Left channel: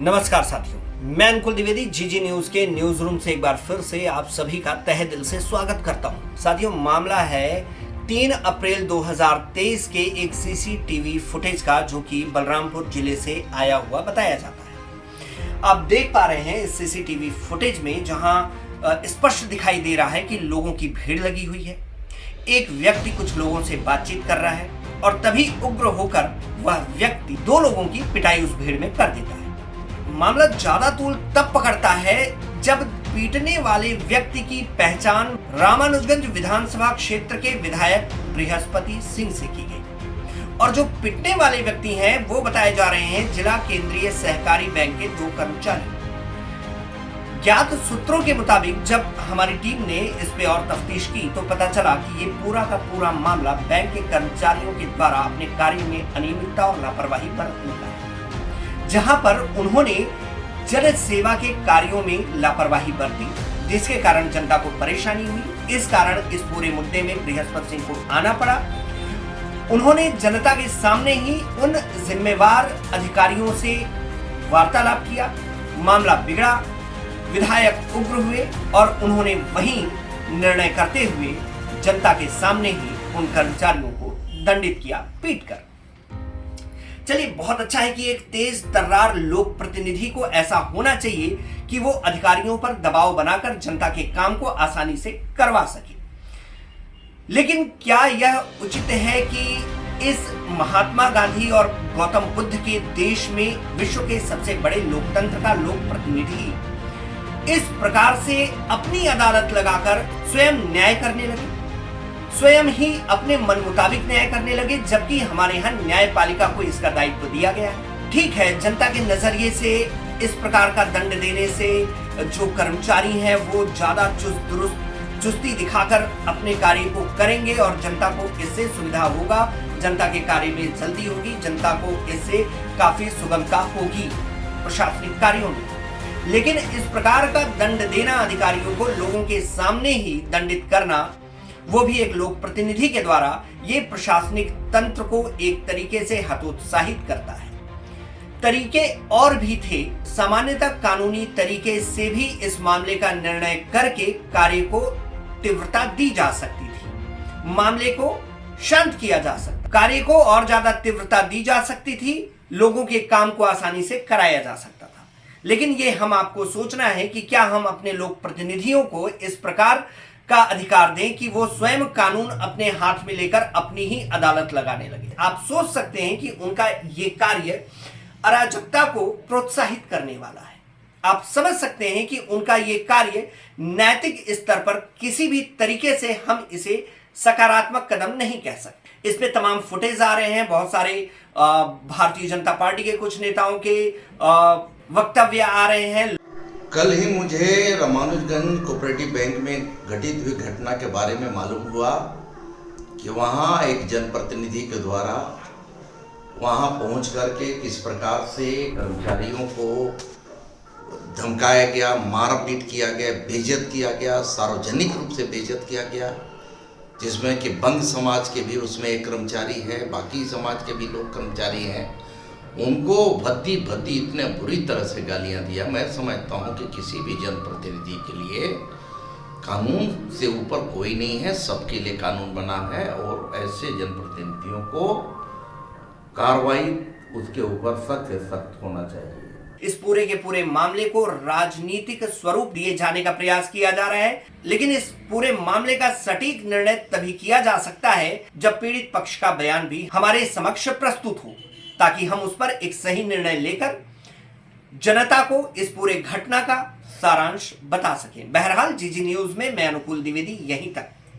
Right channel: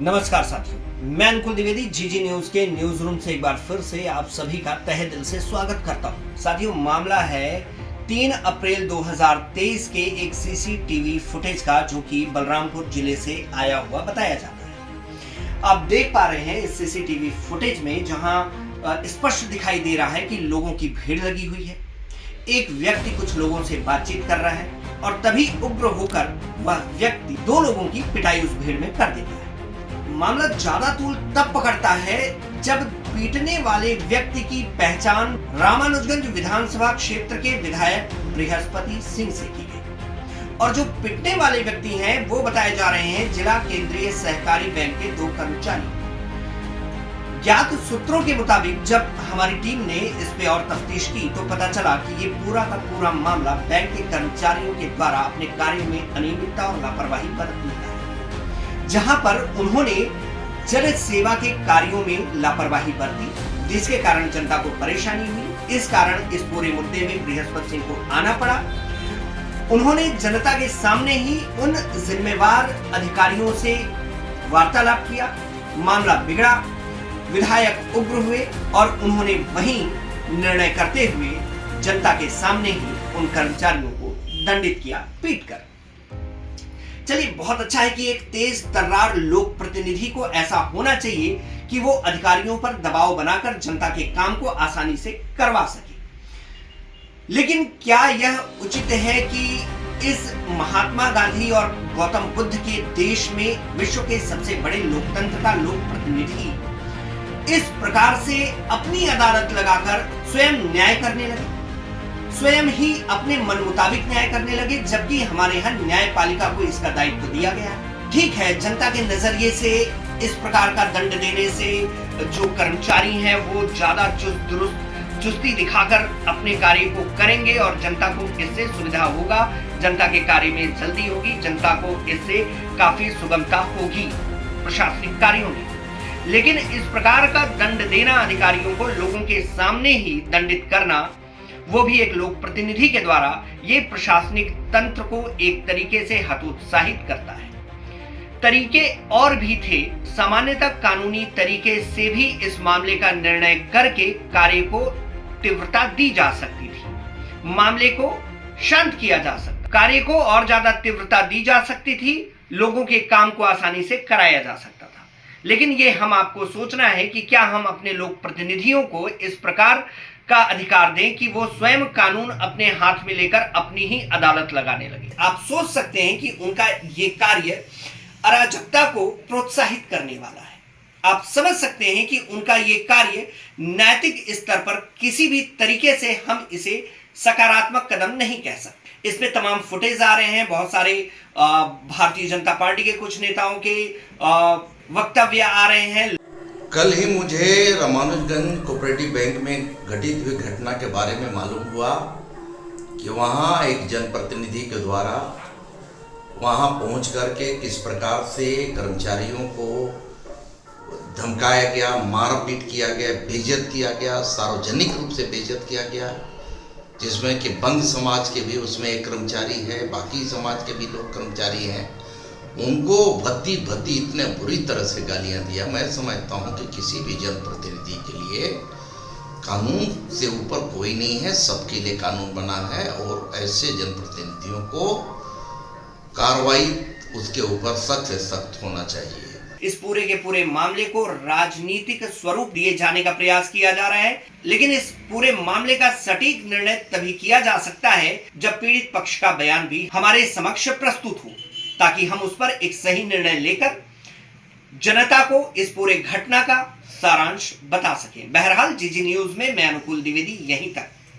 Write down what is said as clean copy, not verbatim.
नमस्कार साथियों, मैं अनुकुल द्विवेदी जीजी न्यूज के न्यूज रूम से एक बार फिर से आप सभी का तहे दिल से स्वागत करता हूं। साथियों, मामला है 3 अप्रैल 2023 के एक सीसीटीवी फुटेज का, जो कि बलरामपुर जिले से आया हुआ बताया जाता है। आप देख पा रहे हैं इस सीसीटीवी फुटेज में, जहां स्पष्ट दिखाई दे रहा है कि लोगों की भीड़ लगी हुई है। एक व्यक्ति कुछ लोगों से बातचीत कर रहा है और तभी उग्र होकर वह व्यक्ति 2 लोगों की पिटाई उस भीड़ में कर देता है। मामला ज्यादा तूल तब पकड़ता है जब पीटने वाले व्यक्ति की पहचान रामानुजगंज विधानसभा क्षेत्र के विधायक बृहस्पति सिंह से की गई और जो पिटने वाले व्यक्ति हैं वो बताए जा रहे हैं जिला केंद्रीय सहकारी बैंक के 2 कर्मचारी। ज्ञात सूत्रों के मुताबिक जब हमारी टीम ने इस पे और तफ्तीश की तो पता चला कि ये पूरा का पूरा मामला बैंक के कर्मचारियों के द्वारा अपने कार्य में अनियमितता और लापरवाही बरतने का है, जहां पर उन्होंने जन सेवा के कार्यों में लापरवाही बरती, जिसके कारण जनता को परेशानी हुई। इस कारण इस पूरे मुद्दे में बृहस्पति सिंह को आना पड़ा। उन्होंने जनता के सामने ही उन जिम्मेवार अधिकारियों से वार्तालाप किया। मामला बिगड़ा, विधायक उग्र हुए और उन्होंने वही निर्णय करते हुए जनता के सामने ही उन कर्मचारियों को दंडित किया पीटकर। चलिए, बहुत अच्छा है कि एक तेज तर्रार लोक प्रतिनिधि को ऐसा होना चाहिए कि वो अधिकारियों पर दबाव बनाकर जनता के काम को आसानी से करवा सके। लेकिन क्या यह उचित है कि इस महात्मा गांधी और गौतम बुद्ध के देश में विश्व के सबसे बड़े लोकतंत्र का लोक प्रतिनिधि इस प्रकार से अपनी अदालत लगाकर स्वयं न्याय करने लगे, स्वयं ही अपने मन मुताबिक न्याय करने लगे, जबकि हमारे यहाँ न्यायपालिका को इसका दायित्व दिया गया है। ठीक है, जनता के नजरिए से इस प्रकार का दंड देने से जो कर्मचारी हैं वो ज्यादा चुस्ती दिखाकर अपने कार्य को करेंगे और जनता को इससे सुविधा होगा, जनता के कार्य में जल्दी होगी, जनता को इससे काफी सुगमता होगी प्रशासनिक कार्यों में। लेकिन इस प्रकार का दंड देना, अधिकारियों को लोगों के सामने ही दंडित करना, वो भी एक लोक प्रतिनिधि के द्वारा, ये प्रशासनिक तंत्र को एक तरीके से हतोत्साहित करता है। तरीके और भी थे, सामान्यतः कानूनी तरीके से भी इस मामले का निर्णय करके कार्य को तीव्रता दी जा सकती थी, मामले को शांत किया जा सकता, कार्य को और ज्यादा तीव्रता दी जा सकती थी, लोगों के काम को आसानी से कराया जा सकता था। लेकिन ये हम आपको सोचना है कि क्या हम अपने लोक प्रतिनिधियों को इस प्रकार का अधिकार दें कि वो स्वयं कानून अपने हाथ में लेकर अपनी ही अदालत लगाने लगे। आप सोच सकते हैं कि उनका ये कार्य अराजकता को प्रोत्साहित करने वाला है। आप समझ सकते हैं कि उनका ये कार्य नैतिक स्तर पर किसी भी तरीके से हम इसे सकारात्मक कदम नहीं कह सकते। इसमें तमाम फुटेज आ रहे हैं, बहुत सारे भारतीय जनता पार्टी के कुछ नेताओं के वक्तव्य आ रहे हैं। कल ही मुझे रामानुजगंज कोऑपरेटिव बैंक में घटित हुई घटना के बारे में मालूम हुआ कि वहाँ एक जनप्रतिनिधि के द्वारा वहाँ पहुँच करके किस प्रकार से कर्मचारियों को धमकाया गया, मारपीट किया गया, बेइज्जत किया गया, सार्वजनिक रूप से बेइज्जत किया गया, जिसमें कि बंद समाज के भी उसमें एक कर्मचारी है, बाकी समाज के भी लोग कर्मचारी हैं। उनको भद्दी इतने बुरी तरह से गालियां दिया। मैं समझता हूं कि किसी भी जनप्रतिनिधि के लिए कानून से ऊपर कोई नहीं है, सबके लिए कानून बना है और ऐसे जनप्रतिनिधियों को कार्रवाई उसके ऊपर सख्त से सख्त होना चाहिए। इस पूरे के पूरे मामले को राजनीतिक स्वरूप दिए जाने का प्रयास किया जा रहा है, लेकिन इस पूरे मामले का सटीक निर्णय तभी किया जा सकता है जब पीड़ित पक्ष का बयान भी हमारे समक्ष प्रस्तुत हो, ताकि हम उस पर एक सही निर्णय लेकर जनता को इस पूरे घटना का सारांश बता सकें। बहरहाल जीजी न्यूज में मैं अनुकुल द्विवेदी, यहीं तक।